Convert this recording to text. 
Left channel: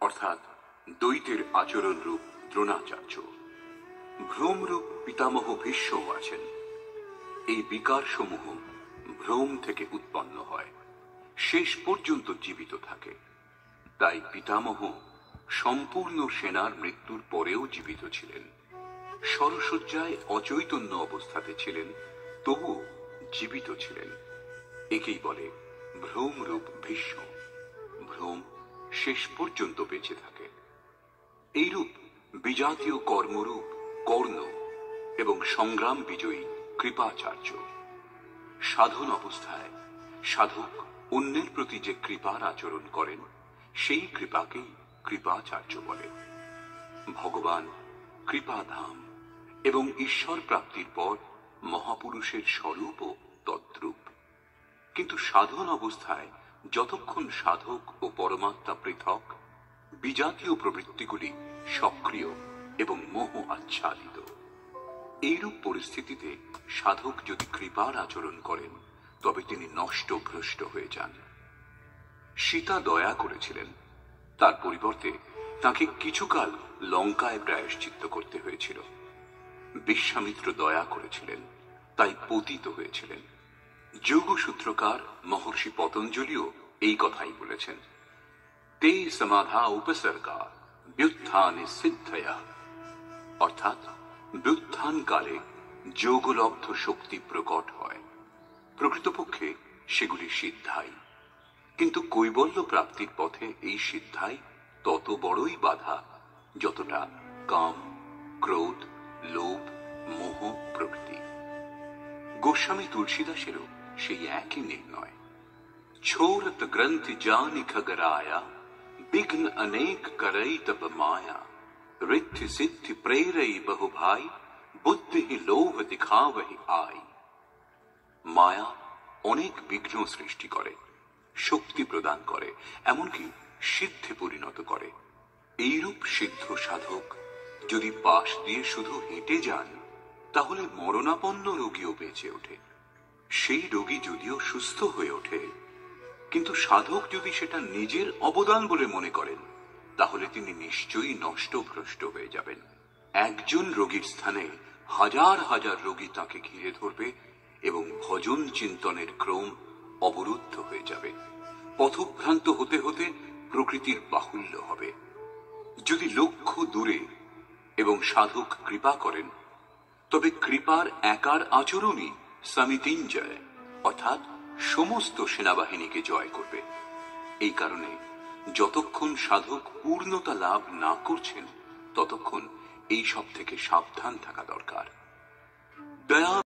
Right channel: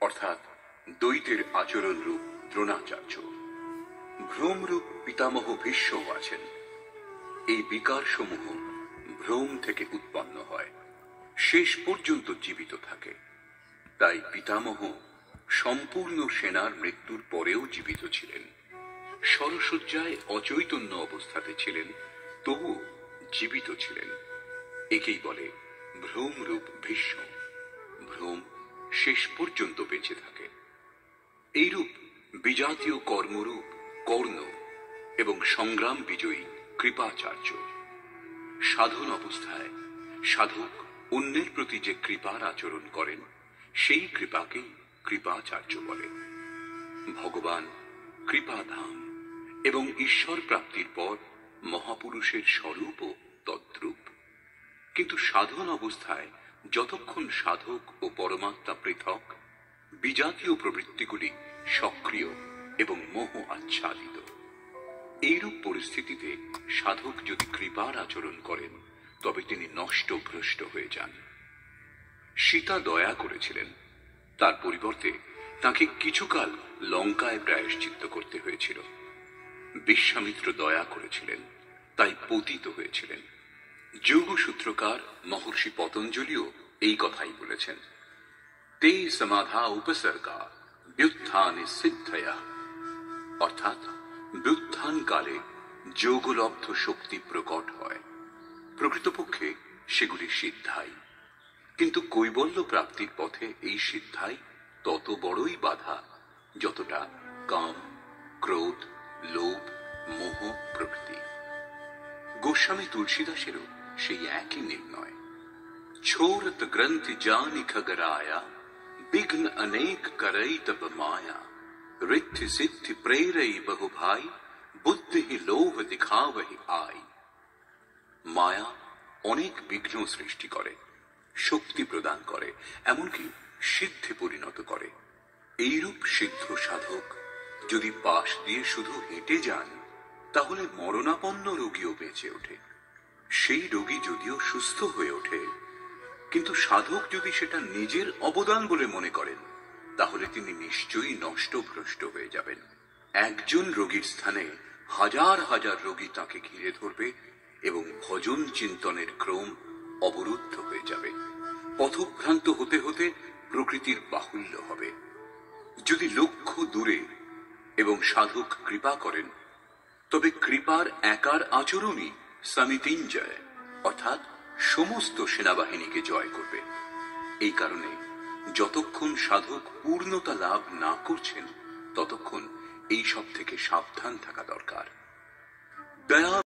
অর্থাৎ দ্বৈতের আচরণ রূপ দ্রোণাচার্য। ভ্রমরূপ পিতামহ ভীষ্মও আছেন। এই বিকার সমূহ ভ্রম থেকে উৎপন্ন হয়, শেষ পর্যন্ত জীবিত থাকে। তাই পিতামহ সম্পূর্ণ সেনার মৃত্যুর পরেও জীবিত ছিলেন। শরশয্যায় অচৈতন্য অবস্থাতে ছিলেন, তবু জীবিত ছিলেন। একেই বলে ভ্রমরূপ ভীষ্ম। ভ্রম শেষ পর্যন্ত বেঁচে থাকে। এইরূপ বিজাতীয় কর্মরূপ কর্ণ এবং সংগ্রাম বিজয়ী কৃপাচার্য। সাধন অবস্থায় সাধক অন্যের প্রতি যে কৃপার আচরণ করেন, সেই কৃপাকেই কৃপাচার্য বলে। ভগবান কৃপাধাম এবং ঈশ্বর প্রাপ্তির পর মহাপুরুষের স্বরূপও তদ্রূপ। কিন্তু সাধন অবস্থায় যতক্ষণ সাধক ও পরমাত্মা পৃথক, বিজাতীয় প্রবৃত্তিগুলি সক্রিয় এবং মোহ আচ্ছাদিত। এইরূপ পরিস্থিতিতে সাধক যদি কৃপার আচরণ করেন, তবে তিনি নষ্ট ভ্রষ্ট হয়ে যান। সীতা দয়া করেছিলেন, তার পরিবর্তে তাকে কিছুকাল লঙ্কায় প্রায়শ্চিত্ত করতে হয়েছিল। বিশ্বামিত্র দয়া করেছিলেন, তাই পতিত হয়েছিলেন। যোগসূত্রকার মহর্ষি পতঞ্জলিও এই কথাই বলেছেন, তে সমাধা উপসর্গা ব্যুত্থানে সিদ্ধয়া। অর্থাৎ ব্যুত্থান কালে যোগলব্ধ শক্তি প্রকট হয়, প্রকৃতপক্ষে সেগুলি সিদ্ধাই। কিন্তু কৈবল্য প্রাপ্তির পথে এই সিদ্ধাই তত বড়ই বাধা, যতটা কাম, ক্রোধ, লোভ, মোহ প্রভৃতি। গোস্বামী তুলসীদাসেরও সেই একই নির্ণয়। ছোরত গ্রন্থি জানি খগরায়া বিঘ্ন অনেক করই তব মায়া ঋদ্ধি সিদ্ধি প্রেরই বহু ভাই বুদ্ধি লোভ দিখাবহি আই। মায়া অনেক বিঘ্ন সৃষ্টি করে, শক্তি প্রদান করে, এমনকি সিদ্ধি পরিণত করে। এইরূপ সিদ্ধ সাধক যদি পাশ দিয়ে শুধু হেঁটে যান, তাহলে মরণাপন্ন রোগীও বেঁচে ওঠে। সেই রোগী যদিও সুস্থ হয়ে ওঠে, কিন্তু সাধক যদি সেটা নিজের অবদান বলে মনে করেন, তাহলে তিনি নিশ্চয়ই নষ্ট ভ্রষ্ট হয়ে যাবেন। একজন রোগীর স্থানে হাজার হাজার রোগী তাকে ঘিরে ধরবে এবং ভজন চিন্তনের ক্রম অবরুদ্ধ হয়ে যাবে। পথভ্রান্ত হতে হতে প্রকৃতির বাহুল্য হবে। যদি লক্ষ্য দূরে এবং সাধক কৃপা করেন, তবে কৃপার একার আচরণই সমিতিঞ্জয়, অর্থাৎ সমস্ত সেনাবাহিনীকে জয় করবে। এই কারণে যতক্ষণ সাধক পূর্ণতা লাভ না করছেন, ততক্ষণ এই সব থেকে সাবধান থাকা দরকার। দয়া